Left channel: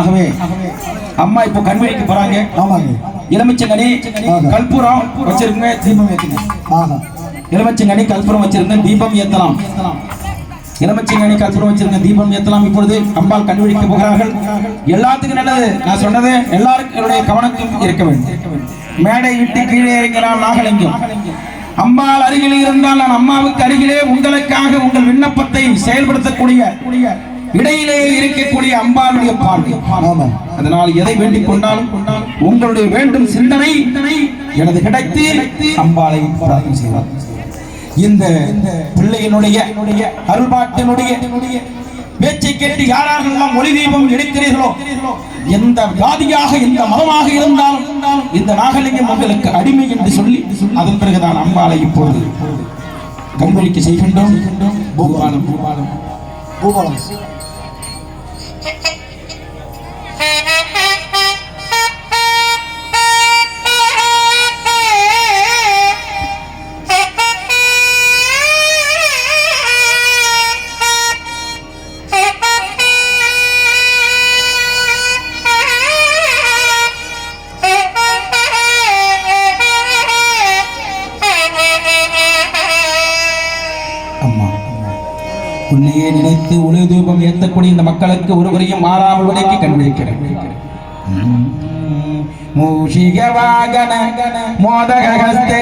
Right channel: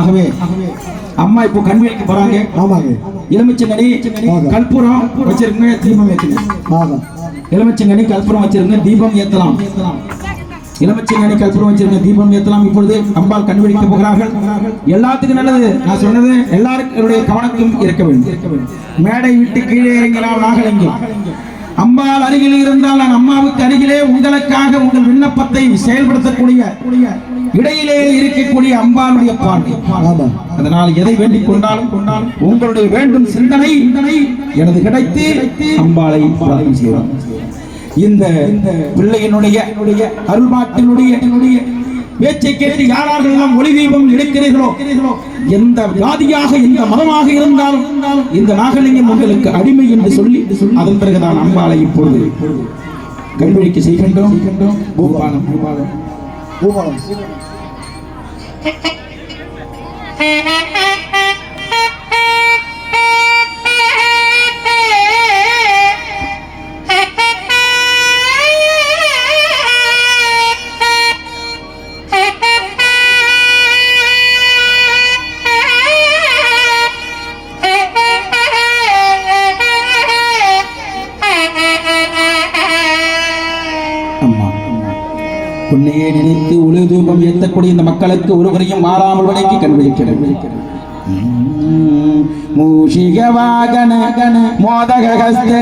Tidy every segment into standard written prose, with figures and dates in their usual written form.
ஆகவே அம்மா இப்போ கண்வழிக்கு போறாங்க. ஆமாங்க. எலுமிச்சங்கனி கற்பூரம் வச்சிருங்க, தீபம் ஏத்துங்க. எலுமிச்சங்கனி கற்பூரம் வச்சிருங்க, தீபம் ஏத்தலாம். எலுமிச்சங்கனி கற்பூரம் வச்சிருங்க, தீபம் ஏத்தலாம். இப்பொழுது அம்பாள் கண்வழிக்கு போகிறார்கள். எல்லாத்துக்கும் நல்லது நான் சொன்னது எல்லாருடைய கவனத்தையும் இருக்க வேண்டும். மேடை விட்டு கீழே இறங்கினார் நாகலிங்கம். அம்பாள் அருகில் இருந்தால் நான் அம்மாவுக்கு அருகிலே உங்களுக்காக உங்கள் விண்ணப்பத்தை செயல்படுத்தக்கூடிய இடையிலே இருக்கக்கூடிய அம்பாளுடைய பார்வை. அதனால் எதை வேண்டிக் கொண்டாலும் உங்களுடைய வேண்டும் சிந்தனை எனது கிடைத்து அம்பாளை பிரார்த்தனை செய்வார். இந்த பிள்ளையினுடைய அருள்பாட்டினுடைய பேச்சை கேட்டு யாரெல்லாம் ஒளி தீபம் எடுக்கிறீர்களோ, எந்த ஜாதியாக எந்த மதமாக இருந்தாலும் இந்த நாகலிங்கம் உங்களுக்கு அடிமை என்று சொல்லி அதன் பிறகுதான் அம்பாளை இப்பொழுது கண்வழிக்கு செய்கின்றோம். பூபாலம் பூபாலம் பூபாலம் உன்னையே நினைத்து ஒளி தூபம் ஏற்றக்கூடிய இந்த மக்களுக்கு ஒருவரையும் மாறாமல் வரைக்கு கண்விழிக்க மூஷிக வாகன மோதக ஹஸ்தே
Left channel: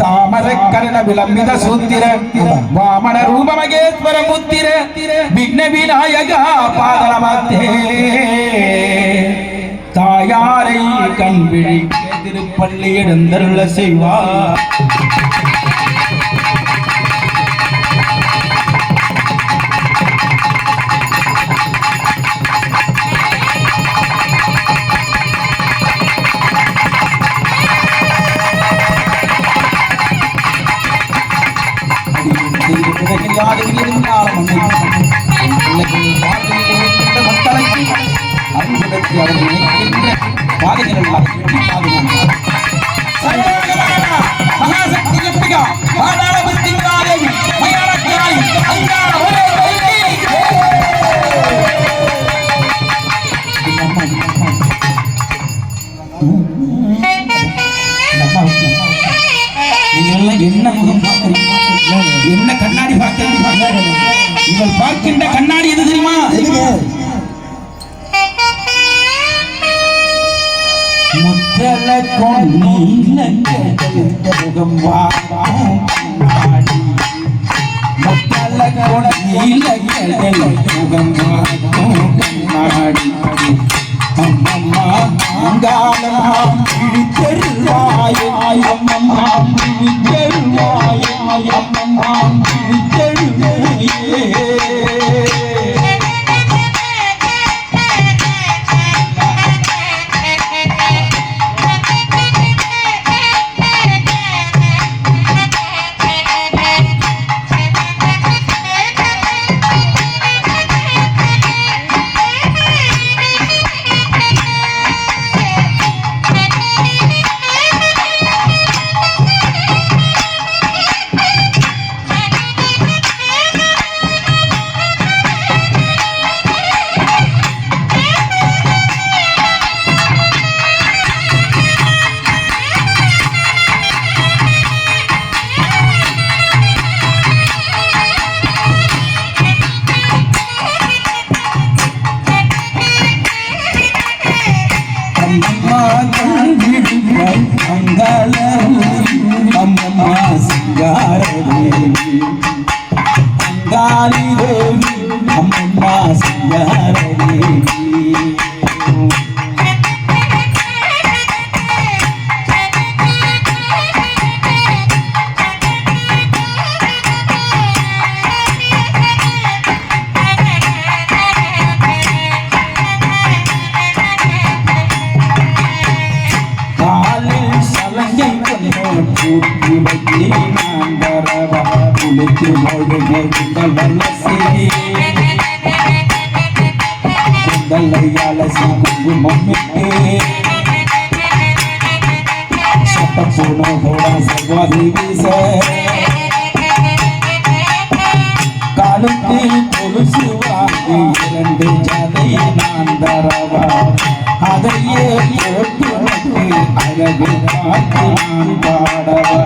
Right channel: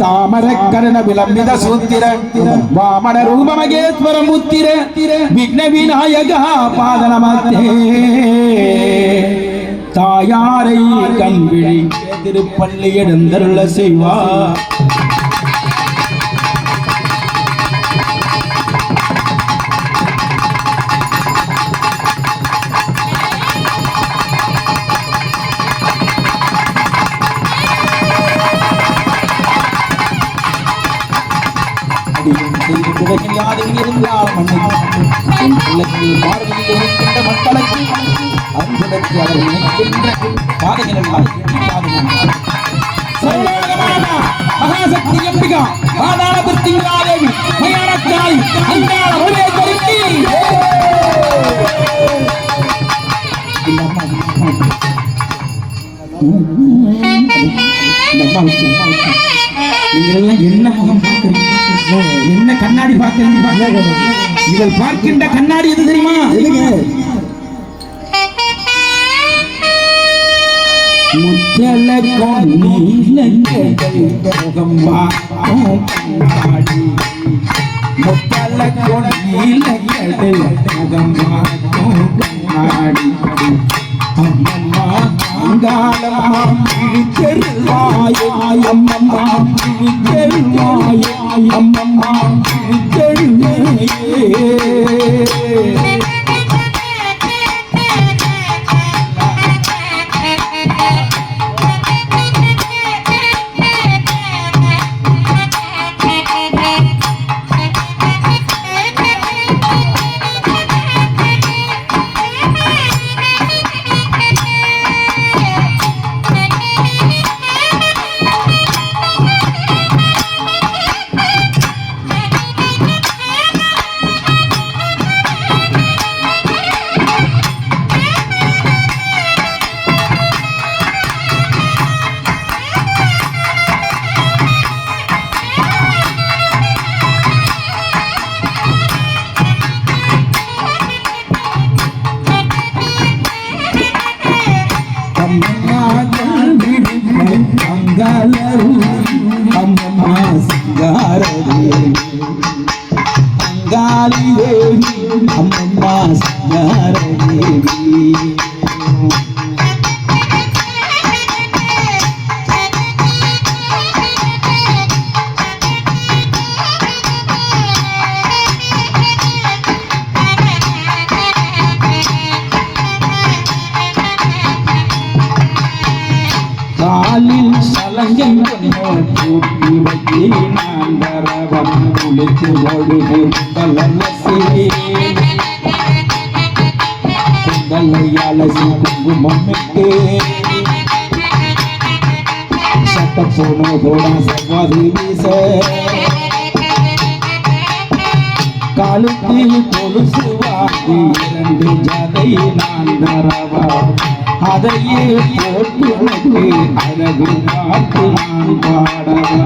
சாமர கர்ண விலம்பித சூத்திர வாமன ரூப மகேஸ்வர முத்திர விக்ன விநாயகா பாதநமஸ்தே. தாயாரை கண்விழிக்க திருப்பள்ளி எழுந்தருள செய்வார். என்ன கண்ணாடி பார்க்க இவள் பார்க்கின்ற கண்ணாடி எது தெரியுமா? முத்தல கொண்டீல முகம் கண்ணாடி முத்தல கொண்டீல முகம் கண்ணாடி அம்மம்மா அங்காளம்மா பிடித்தெருவாயே அம்மம்மா பிடித்தெருவாயே அம்மம்மா பிடித்தெருவாயே. அம்மம்மா சிங்காரதேவி அங்காளி தேவி அம்மம்மா சிங்காரதேவி. காலுக்கு கொலுசு வாங்கி 2 ஜதை நான் தரவா அதையே போட்டு அழகு காத்து நான் பாடவா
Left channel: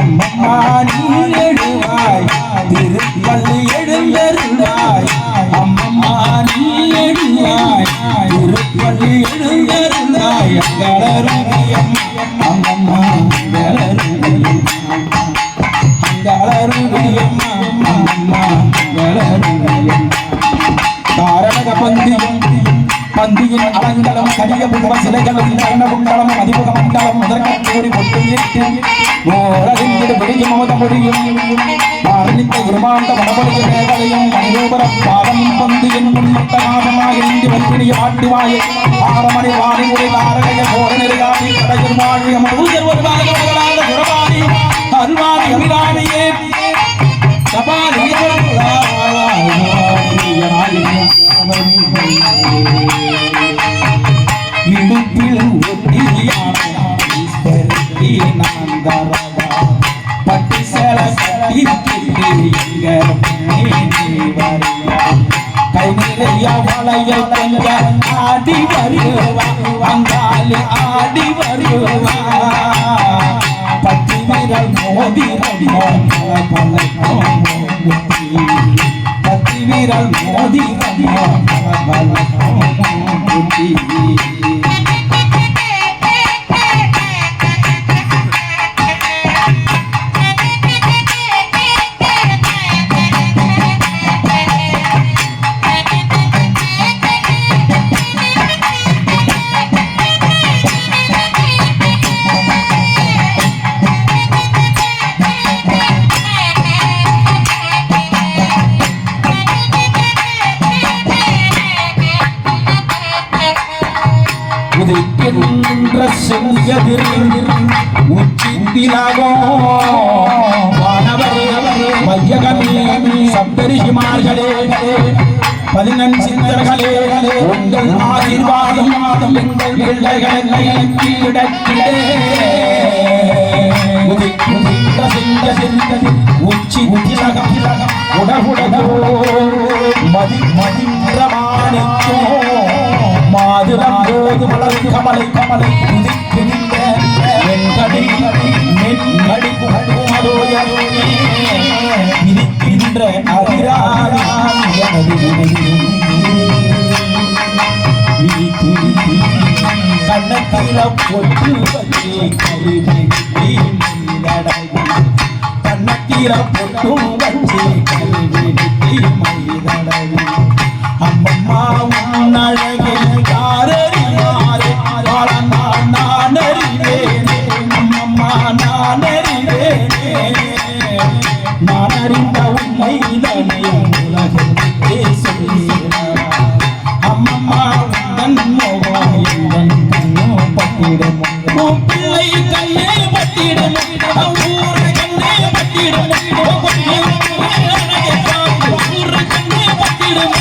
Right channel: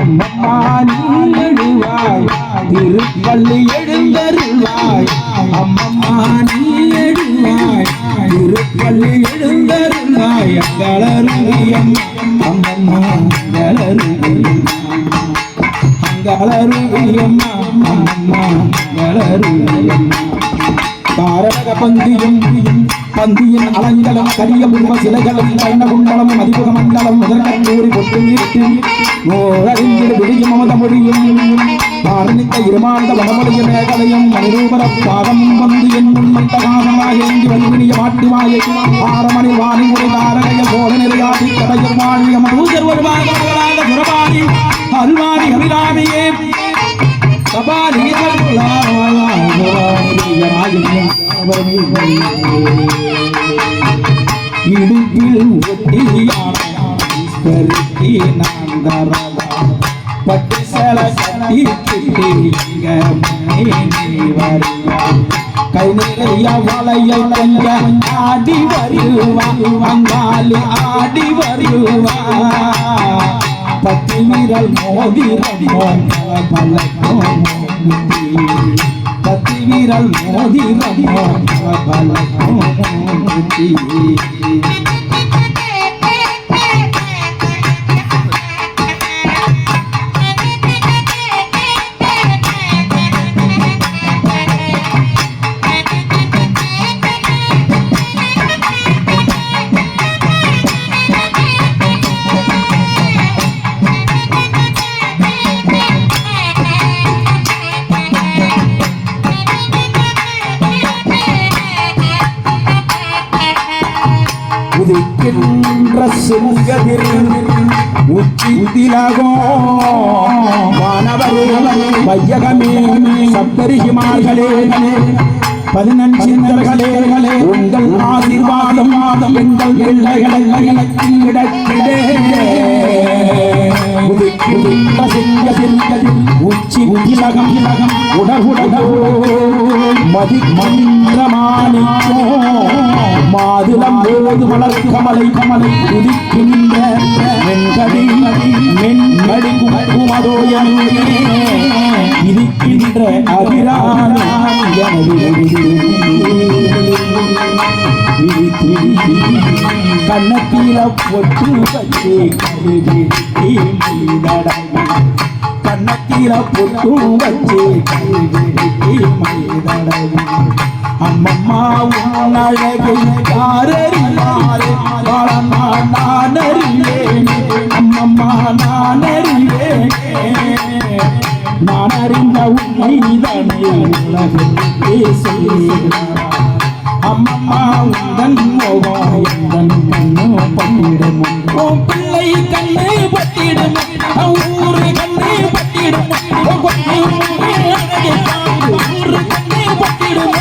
அம்மம்மா நீ எழுவாய் திருப்பள்ளி எழுந்தருள்வாய் அம்மம்மா நீ எழுவாய் திருப்பள்ளி எழுந்தருள்வாய் அங்களருவியம் அம்மம்மா அங்களருவியம் அங்களருவியம் அம்மம்மா அங்களருவியம் காரணக பந்தியின் அலங்கலம் கரிய புருவ சிலைகளும் கர்ணகுண்டலம் அதிபுக மண்டலம் முதற்கம் கூறி பொட்டும் இட்டு ஓரறிஞர் விடியும் அமுத மொழியும் காரணிக்க இருமாண்ட வடமொழிய மேகலையும் மணிரூபர பாதம் பொந்து என் முன்முத்தகாதமாக இங்கு வன்வினிய மாட்டுவாயை ஆரமணி வாணி உரை தாரணைய கோர நிறையாட்டி கடையர் வாணியம் பூஜர் வருவாக குரபாணி அருள்வாணி அமிராமியே சபாலி இடுப்பில் ஒட்டியாடி நான் தரவா பட்டு சேல கட்டி கிட்டி வரியா கை நிறைய வளைய கொஞ்ச ஆடி வருவா அங்காலி ஆடி வருவா பத்து விரல் மோதி பத்து விரல் மோதி உதிக்கின்ற செங்கதிர் உச்சித்திலாகோ வானவரே வையகமே சப்தரிஷிமார்களே 14 சித்தர்களே உங்கள் ஆசீர்வாதம் எங்கள் பிள்ளைகளை கிடைக்கிடே உதிக்கின்ற செங்கதிர் உச்சித்திலகம் உடகுடகோ மதிக்கின்ற மாணிக்கோ மாதுளம் போது மலர் கமலை உதிக்கின்ற மென்கடி குமதோயனே இருக்கின்ற அபிராமி கண்ணத்தில பொட்டு வச்சே கழுவி கண்ணத்தில பொட்டு வச்சே கழுவி மைதடவி அம்மம்மா உன் அழகை யாரறிவாரே நான் அறிவேனே அம்மம்மா நான் அறிவேனே நான் அறிந்த உண்மைதனை உலகத்தை சொல்கிறார் அம்மம்மா உந்தன் மோகம் எந்தன் கண்ணு பட்டிடும் பிள்ளை கண்ணு பட்டிடும் ஊர் கண்ணு பட்டிடும் ஊர் கண்ணு பட்டிடுமோ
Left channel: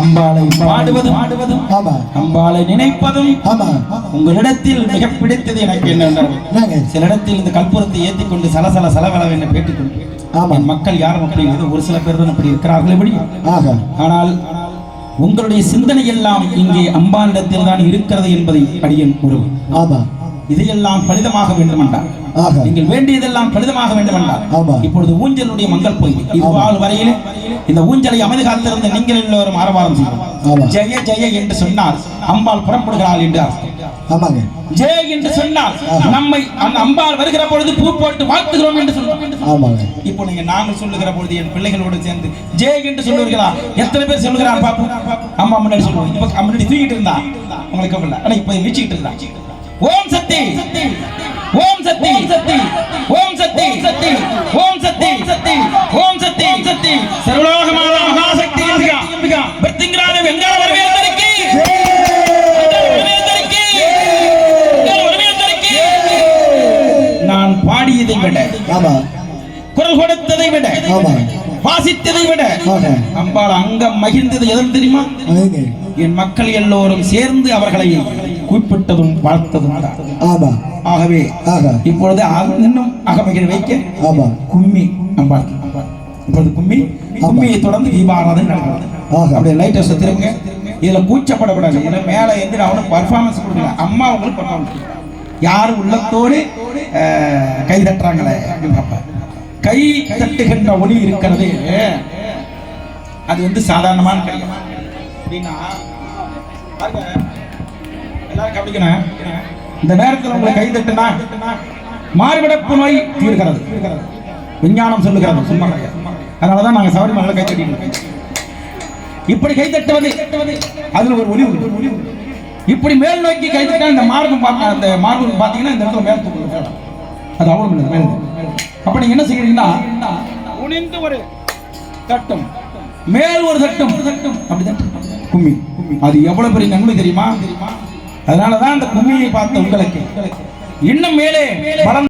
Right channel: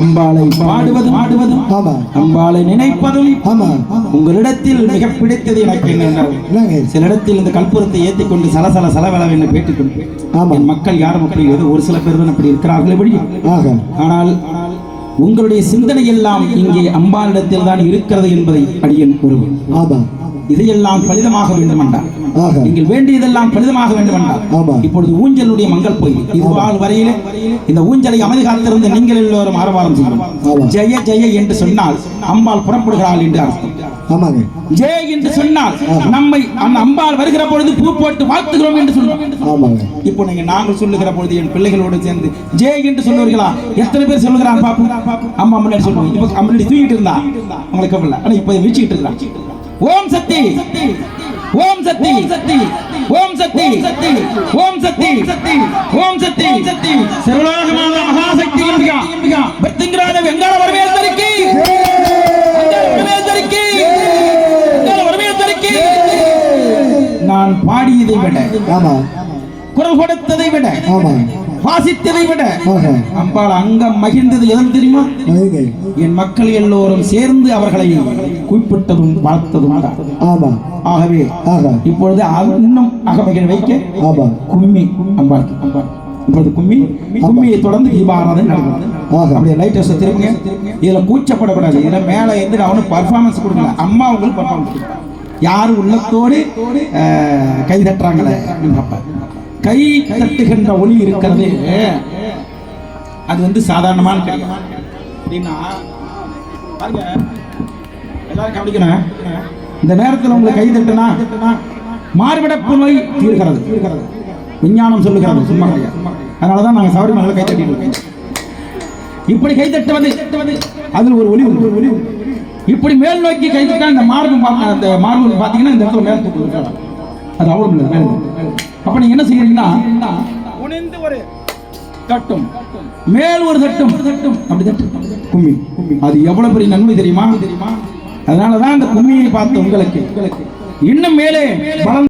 அம்பாளை பாடுவதும் அம்பாளை நினைப்பதும் உங்களிடத்தில் மிக பிடித்தது எனக்கு என்னென்ன சில இடத்தில் இந்த கற்பூரத்தை ஏற்றிக் கொண்டு சலசல சலவென பேட்டிக்கொண்டு என் மக்கள் யாரும் அப்படி ஒரு சில பேர் தான் அப்படி இருக்கிறார்கள். ஆனால் உங்களுடைய சிந்தனை எல்லாம் இங்கே அம்பாளிடத்தில் தான் இருக்கிறது என்பதை அடியேன் கூறுவேன். இதையெல்லாம் பலிதமாக வேண்டும் என்றார். நீங்கள் வேண்டியதெல்லாம் பலிதமாக வேண்டும் என்றார். இப்பொழுது ஊஞ்சலுடைய மங்கள் கோயில் இது வாழ் வரையில் இந்த ஊஞ்சலை அமைதி காத்திருந்த நீங்கள் எல்லோரும் ஆரவாரம் செய்யும். ஜெய ஜெய என்று சொன்னால் அம்பாள் புறப்படுகிறாள் என்று அர்த்தம். ஜெய என்று சொன்னால் நம்மை அந்த அம்பாள் வருகிற பொழுது பூ போட்டு வாழ்த்துகிறோம் என்று சொல்லுவோம். இப்போ நீங்க நாங்கள் சொல்லுகிற பொழுது என் பிள்ளைகளோடு சேர்ந்து ஜெய என்று சொல்லுவீர்களா? எத்தனை பேர் சொல்லுகிறார் பாப்போம். அம்மா முன்னாடி சொல்லுவோம். இப்ப முன்னாடி தூக்கிட்டு இருந்தா உங்களுக்கு கவலை, ஆனா இப்ப மிச்சிட்டு இருந்தா. ஓம் சக்தி ஓம் சக்தி ஓம் சக்தி ஓம் சக்தி ஓம் சக்தி சக்தி சர்வலோகமான மகாசக்தி என்பிகா பத்திங்கராஜ வெங்கார வரவேற்பதற்கு நான் பாடியதை விட குரல் கொடுத்ததை விட வாசித்ததை விட அம்பாள் அங்கம் மகிழ்ந்தது எதுவும் தெரியுமா? என் மக்கள் எல்லோரும் சேர்ந்து அவர்களை கூப்பிட்டதும் வாழ்த்ததும். ஆகவே இப்பொழுது இன்னும் அகமகிழ வைக்க கும்மி அம்பாள் இப்பொழுது கும்மியை தொடர்ந்து தீபாராதனை நடக்கிறது. அப்படியே லைட்டை சுத்திருங்க. இதுல கூச்சப்படக்கூடாது. ஏன்னா மேல இருந்து நான் ஒன்றும் பர்ஃபார்மன்ஸ் கொடுக்கல, அம்மா அவங்களுக்கு பர்ஃபார்மன்ஸ். யார் உள்ளத்தோடு கை தட்டுறாங்களே அப்படின்னு பார்ப்பார். கை தட்டுகின்ற ஒளி இருக்கிறது, அது வந்து சாதாரணமான கிடையாது. அப்படின்னா எல்லாரும் கவனிக்கணும். இந்த நேரத்தில் உங்களை கை தட்டுனா மார்படப்பு நோய் தீர்கிறது, விஞ்ஞானம் சொல்லுகிறது. சும்மா அதனாலதான் நாங்கள் சபரிமலையில் கை தட்டிட்டு இப்படி கை தட்டுவது அதில் ஒரு ஒளி ஒளி. இப்படி மேல் நோக்கி கை தட்டா இந்த மார்பம் அந்த மார்பம் பார்த்தீங்கன்னா இந்த இடத்துல மேல் தூக்கு அது அவ்வளவு மேல். அப்ப நீங்க என்ன செய்யறீங்கன்னா குனிந்து ஒரு தட்டும் மேல் ஒரு தட்டும் அப்படி தட்டும் கும்மி. அது எவ்வளவு பெரிய நன்மை தெரியுமா? அதனாலதான் அந்த கும்மியை பார்த்த உங்களுக்கு இன்னும் மேலே